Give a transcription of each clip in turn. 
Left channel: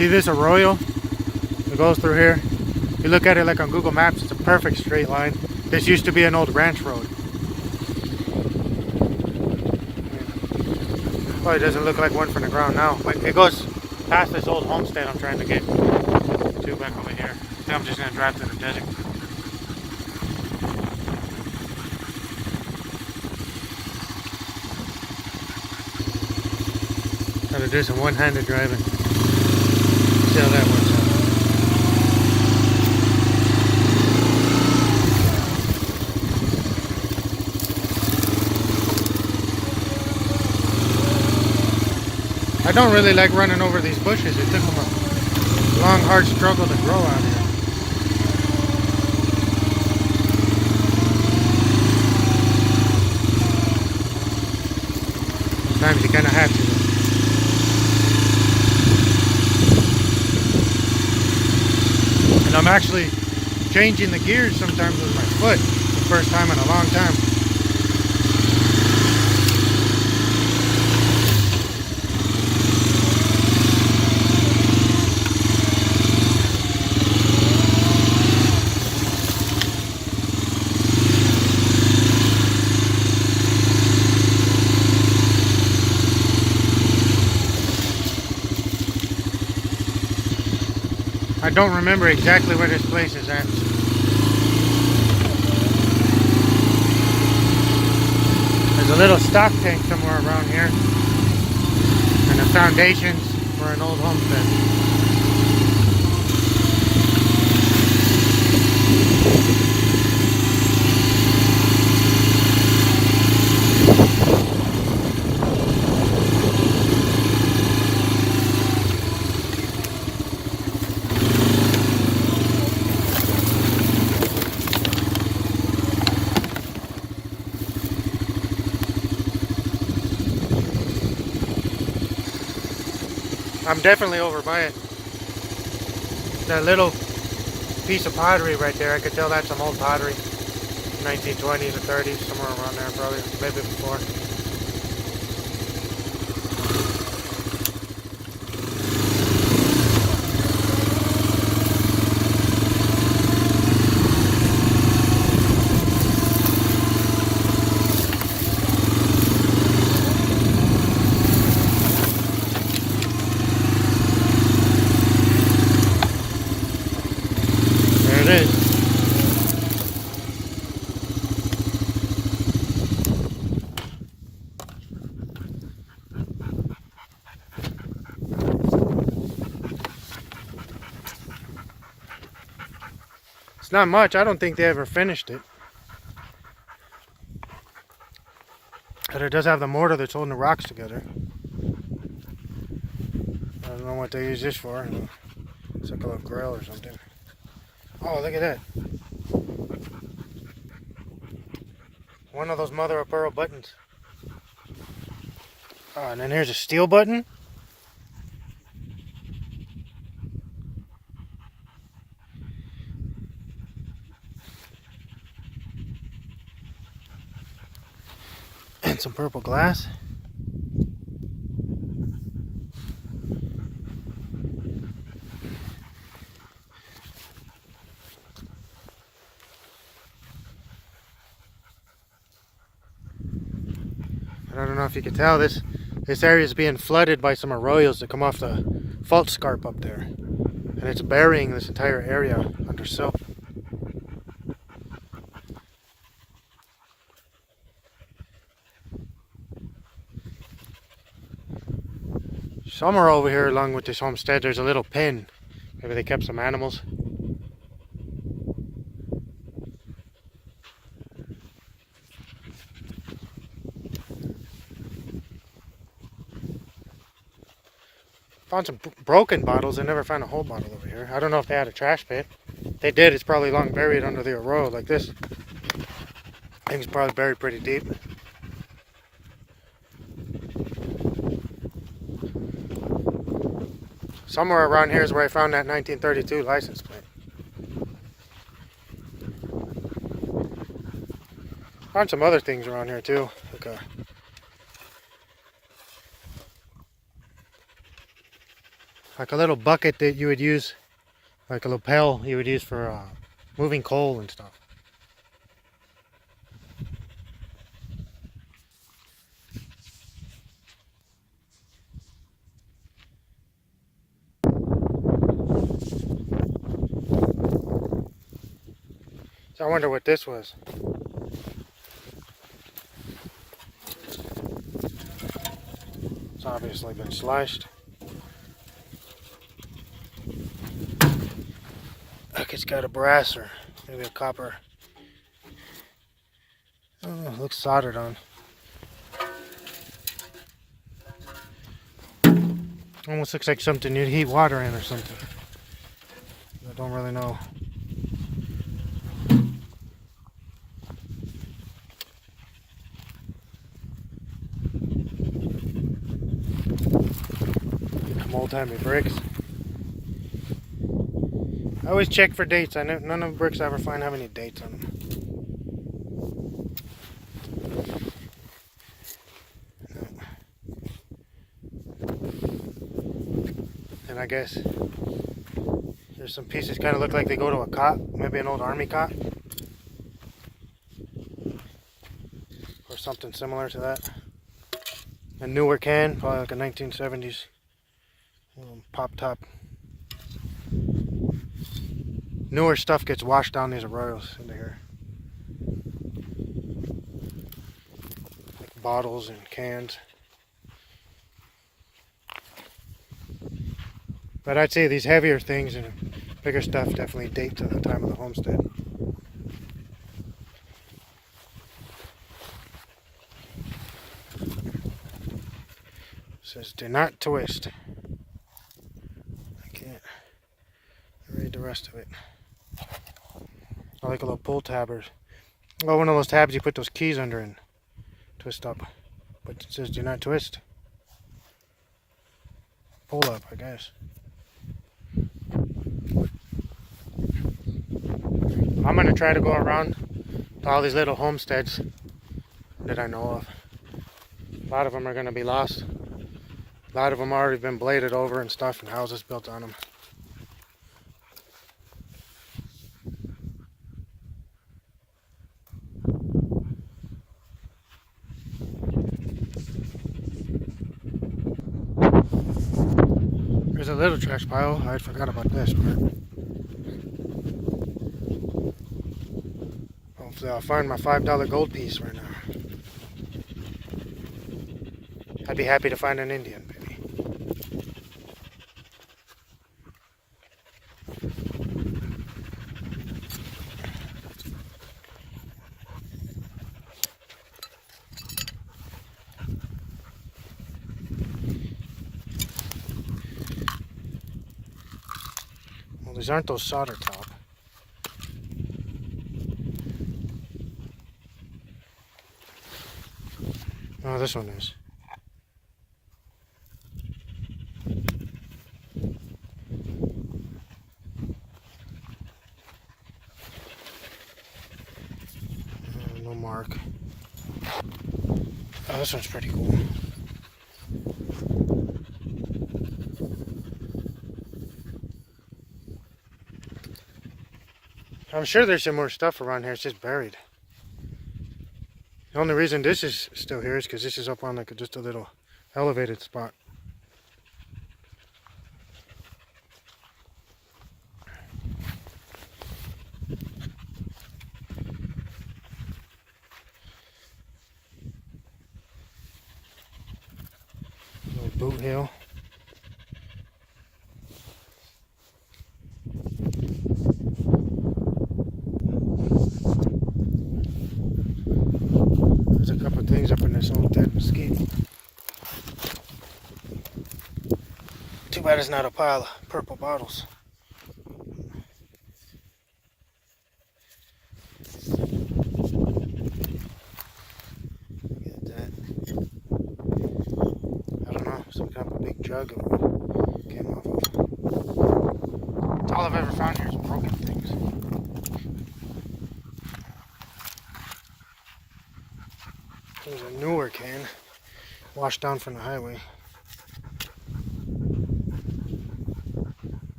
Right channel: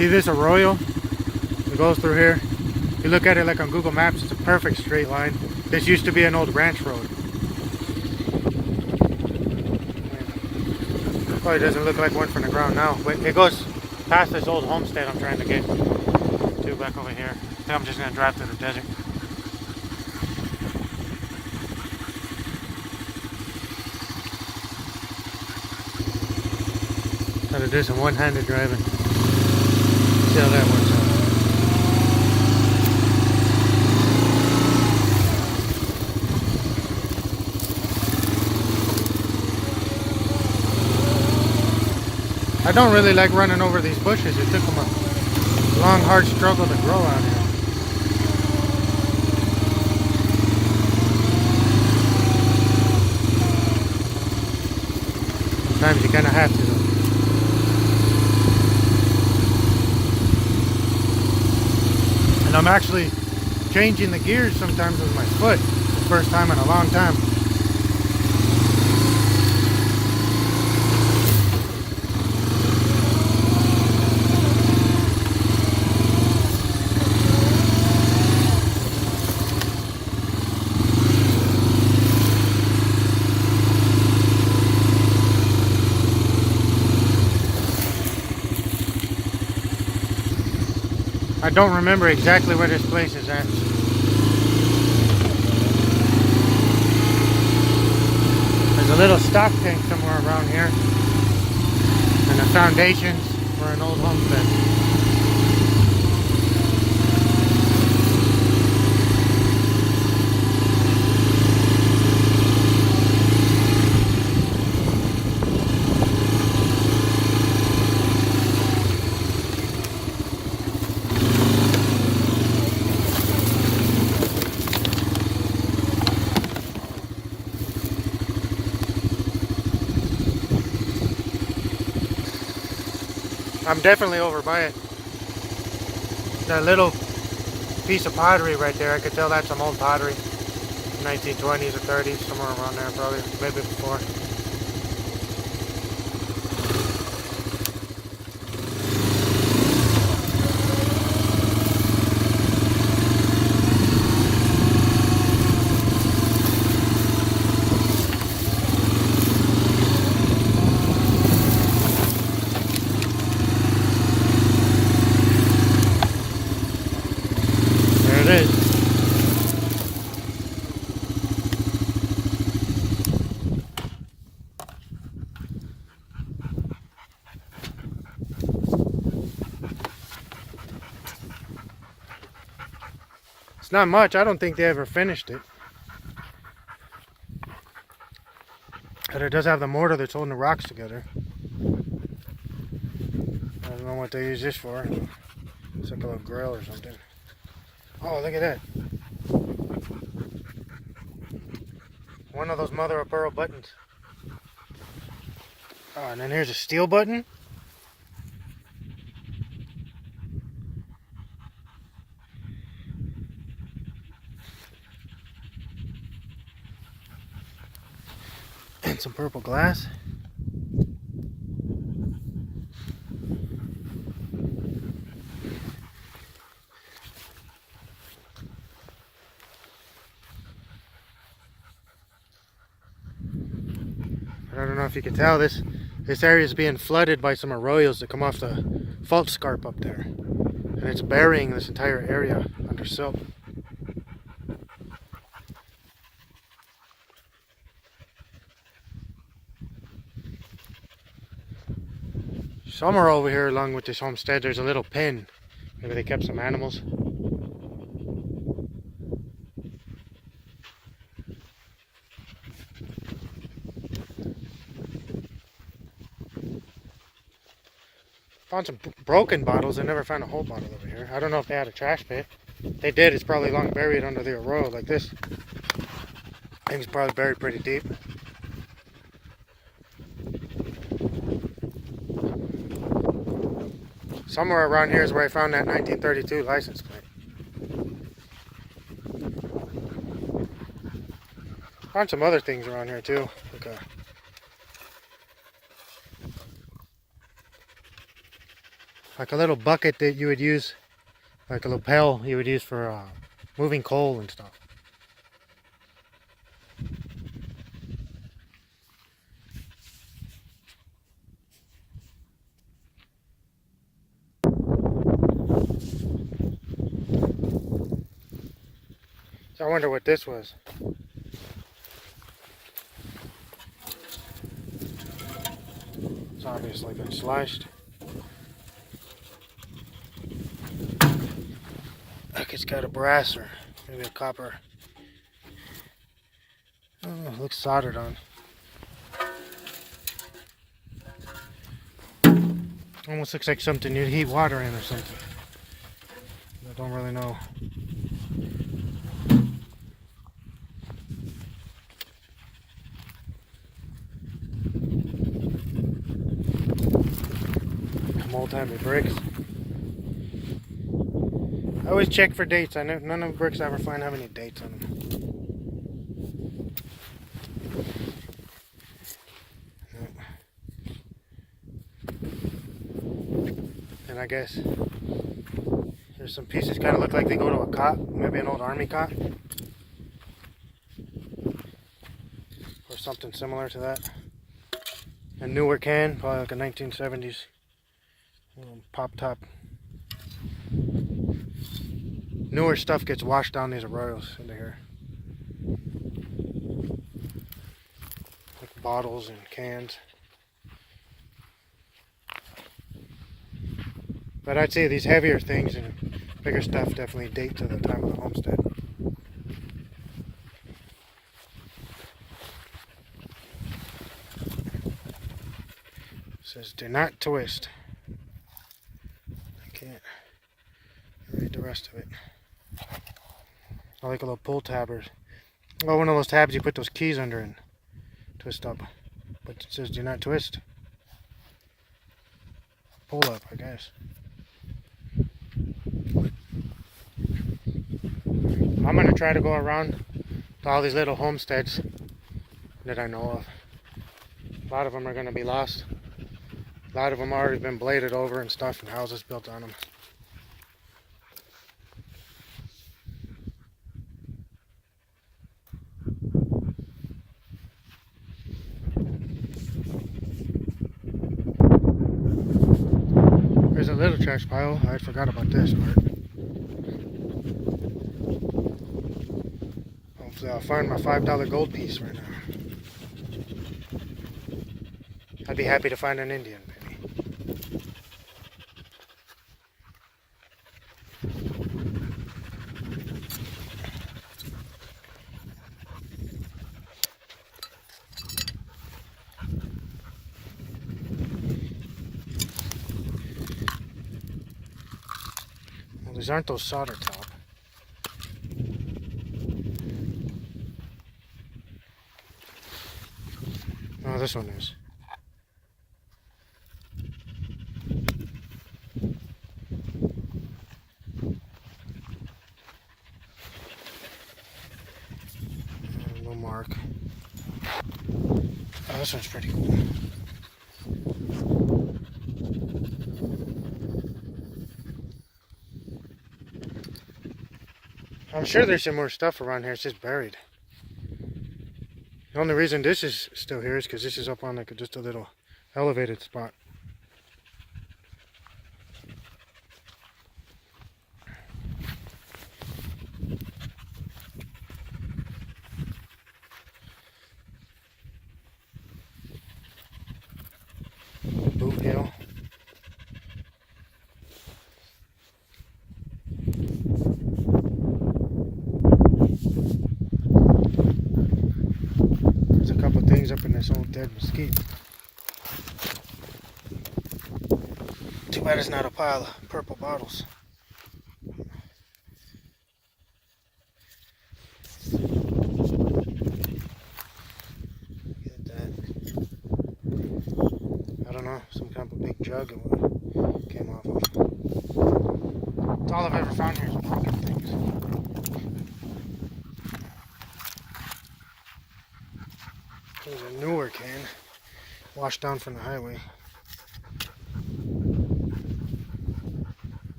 See this arroyo that goes through here? If you look at it like on Google Maps, it's a perfect straight line. This used to be an old ranch road. Probably doesn't look like one from the ground now, but it goes past this old homestead I'm trying to get to back over here. I think I'm just gonna drive through the desert. Try to do some one-handed driving. See how that works out. I don't really like running over these bushes. It took them a long, hard struggle to grow out here. Sometimes you kind of have to though. And I'm actually changing the gears sometimes with my foot. The first time in a long time. I don't remember exactly where this place is at. There's a little stock tank somewhere around here. And the foundations for an old homestead. I'm definitely over by it. That little piece of pottery right there, I could tell that's some old pottery. 1920s or 30s, somewhere around there probably, maybe before. There it is. It's not much. I don't think they ever finished it. But it does have the mortar that's holding the rocks together. I don't know what they use this for. It's like a little grill or something. Oh, look at that. One of those mother of pearl buttons. Oh, and then here's a steel button. And some purple glass. I don't know if you can tell, this area is being flooded by some arroyos that come off the fault scarp up there. And it's burying this entire area under silt. Somewhere over here along with this homestead there's a little pen. Maybe they kept some animals. Found some broken bottles. I never found a whole bottle over here. I don't know if they had a trash pit. If they did, it's probably long buried under the arroyo like this. I think it's probably buried pretty deep. Somewhere around here is where I found that 1932 license plate. Found some other things around here too. Like like a little bucket that you would use, like a little pail you would use for moving coal and stuff. So I wonder what this was. It's obviously been sliced. Look, it's got a brass or maybe a copper. Oh, it looks soldered on. Almost looks like something you'd heat water in or something. I don't really know. Old-timey bricks. I always check for dates. I know none of the bricks I ever find have any dates on them. And I guess there's some pieces kind of look like they go to a cot, maybe an old army cot, or something similar to that. A newer can, probably like a 1970s pop top. Newer stuff gets washed down these arroyos into here. Like bottles and cans. But I'd say these heavier things and bigger stuff definitely date to the time of the homestead. It says do not twist. I can't read the rest of it. I like a little pull tab or one of those tabs you put those keys under and twist up. But it says do not twist. Pull up, I guess. I'm going to try to go around to all these little homesteads that I know of. A lot of them are going to be lost. A lot of them already been bladed over and stuff and houses built on them. There's a little trash pile. I forgot about this part. Hopefully I'll find my $5 gold piece right now. I'd be happy to find an Indian, maybe. Well, these aren't those solder top. Oh, this one is. No mark. Oh, this one's pretty cool. I'm sure there's some more stuff around here. It's just buried. The only reason this is still here is because this is up on like just a little elevated spot. Boot hill. There's a couple of things up in this old dead mesquite. Too bad it's not a pile of purple bottles. Get that. I don't know, some kind of a big jug of what came off of. That's all I've ever found here is broken things. There's a newer can washed down from the highway.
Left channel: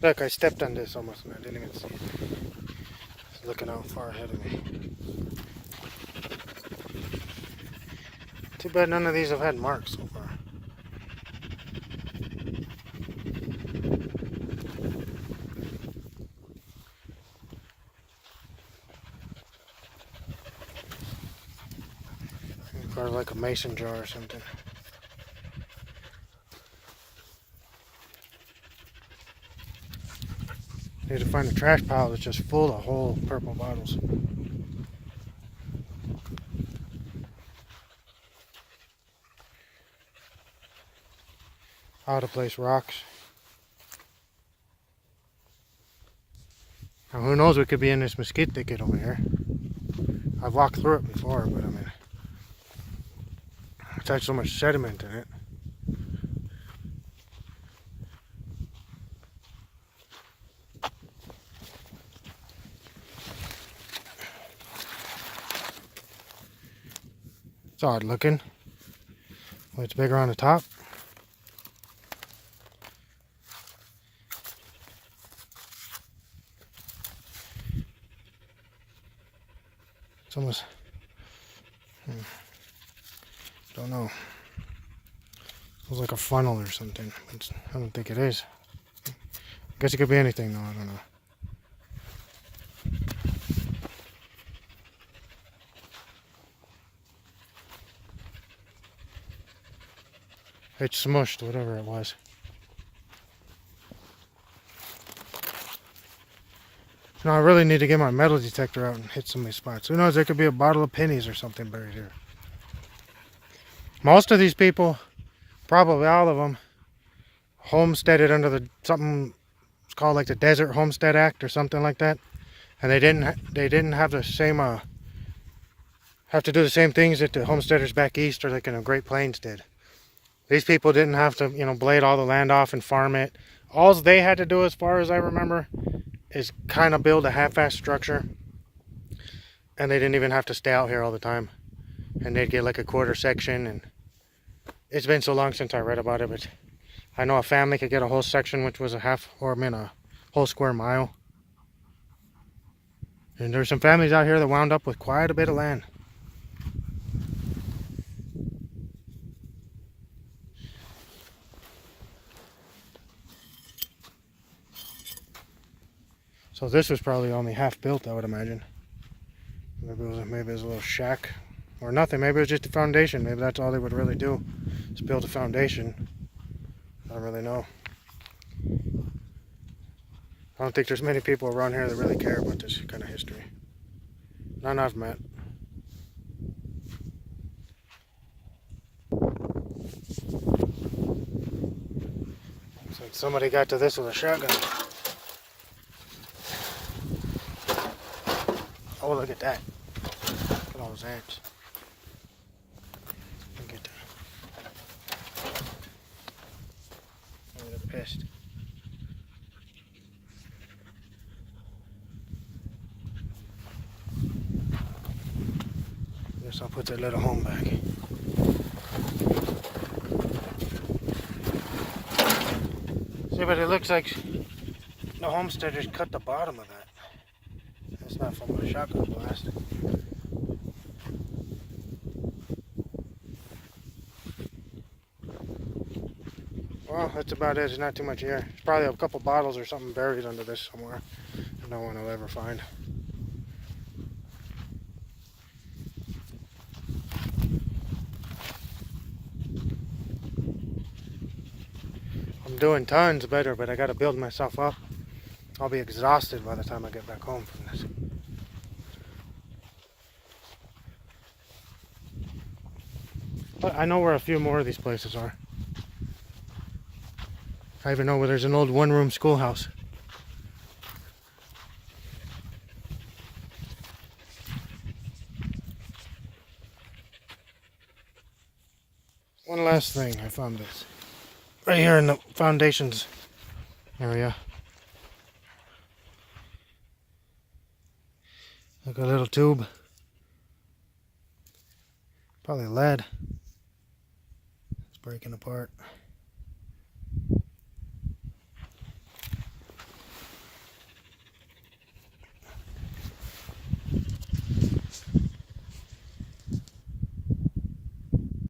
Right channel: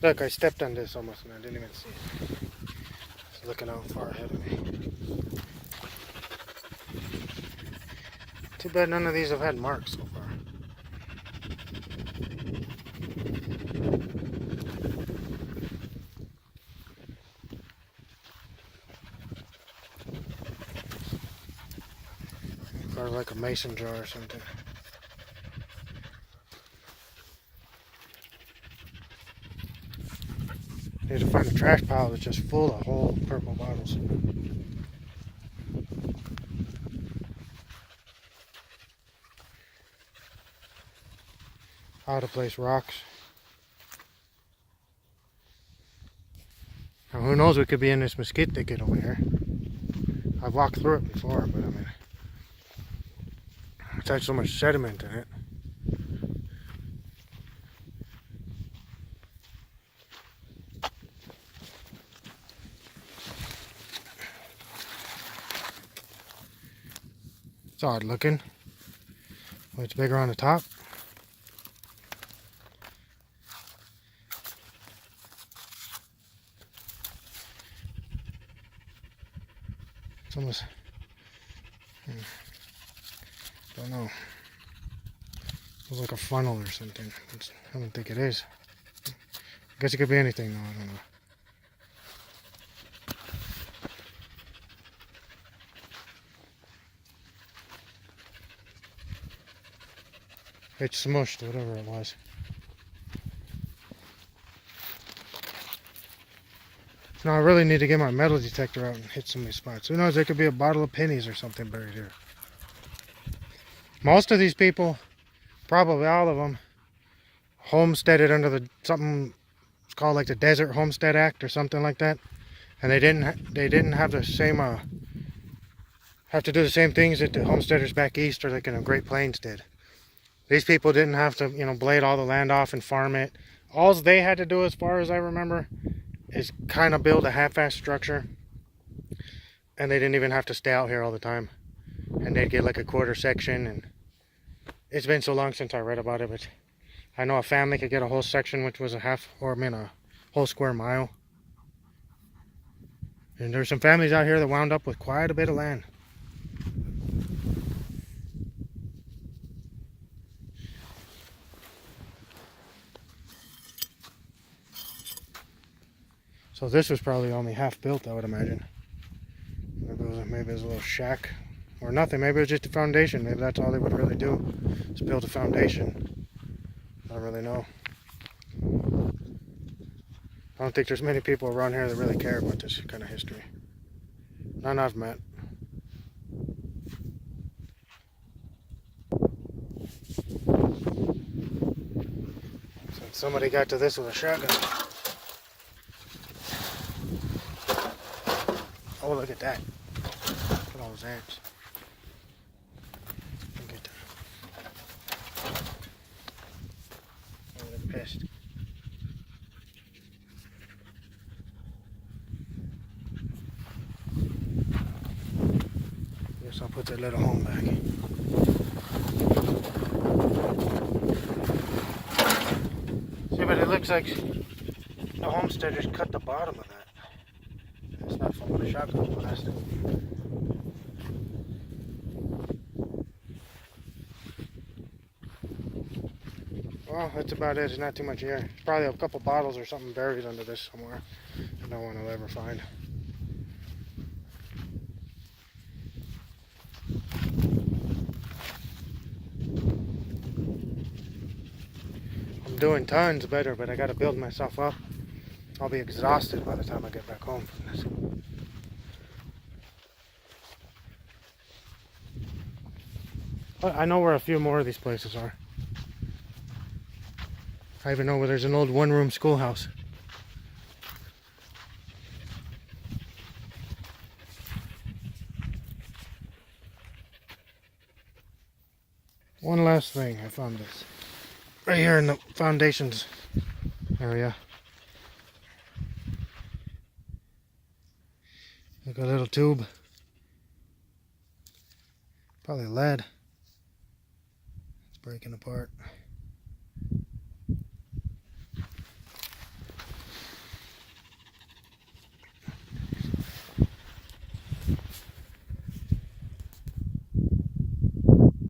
Look, I stepped on this almost and I didn't even see it. It's looking out far ahead of me. Too bad none of these have had marks so far. Probably like a mason jar or something. Need to find a trash pile that's just full of whole purple bottles. Out of place rocks. Now who knows what could be in this mesquite thicket over here. I've walked through it before, but I mean, it's had so much sediment in it. It's odd looking. Well, it's bigger on the top. It's almost, don't know. Looks like a funnel or something. I don't think it is. I guess it could be anything though, I don't know. It's smushed, whatever it was. Now I really need to get my metal detector out and hit some of these spots. Who knows, there could be a bottle of pennies or something buried here. Most of these people, probably all of them, homesteaded under the something it's called like the Desert Homestead Act or something like that, and they didn't have the same have to do the same things that the homesteaders back east or like in the Great Plains did. These people didn't have to, you know, blade all the land off and farm it. All they had to do, as far as I remember, is kind of build a half-assed structure, and they didn't even have to stay out here all the time, and they'd get like a quarter section. And it's been so long since I read about it, but I know a family could get a whole section, which was a whole square mile. And there's some families out here that wound up with quite a bit of land. So this was probably only half built, I would imagine. Maybe it was a little shack or nothing. Maybe it was just a foundation. Maybe that's all they would really do, is build a foundation. I don't really know. I don't think there's many people around here that really care about this kind of history. None I've met. Looks like somebody got to this with a shotgun. Oh, look at that. Look at all those ants. Look at that. Oh, they're pissed. Guess I'll put their little home back. See, but it looks like the homesteaders cut the bottom of that. It's not from a shotgun blast. Well, that's about it. There's not too much here. Probably a couple bottles or something buried under this somewhere. No one will ever find. I'm doing tons better, but I got to build myself up. I'll be exhausted by the time I get back home from this. But I know where a few more of these places are. I even know where there's an old one-room schoolhouse. One last thing, I found this. Right here in the foundations area. Like a little tube. Probably lead. It's breaking apart.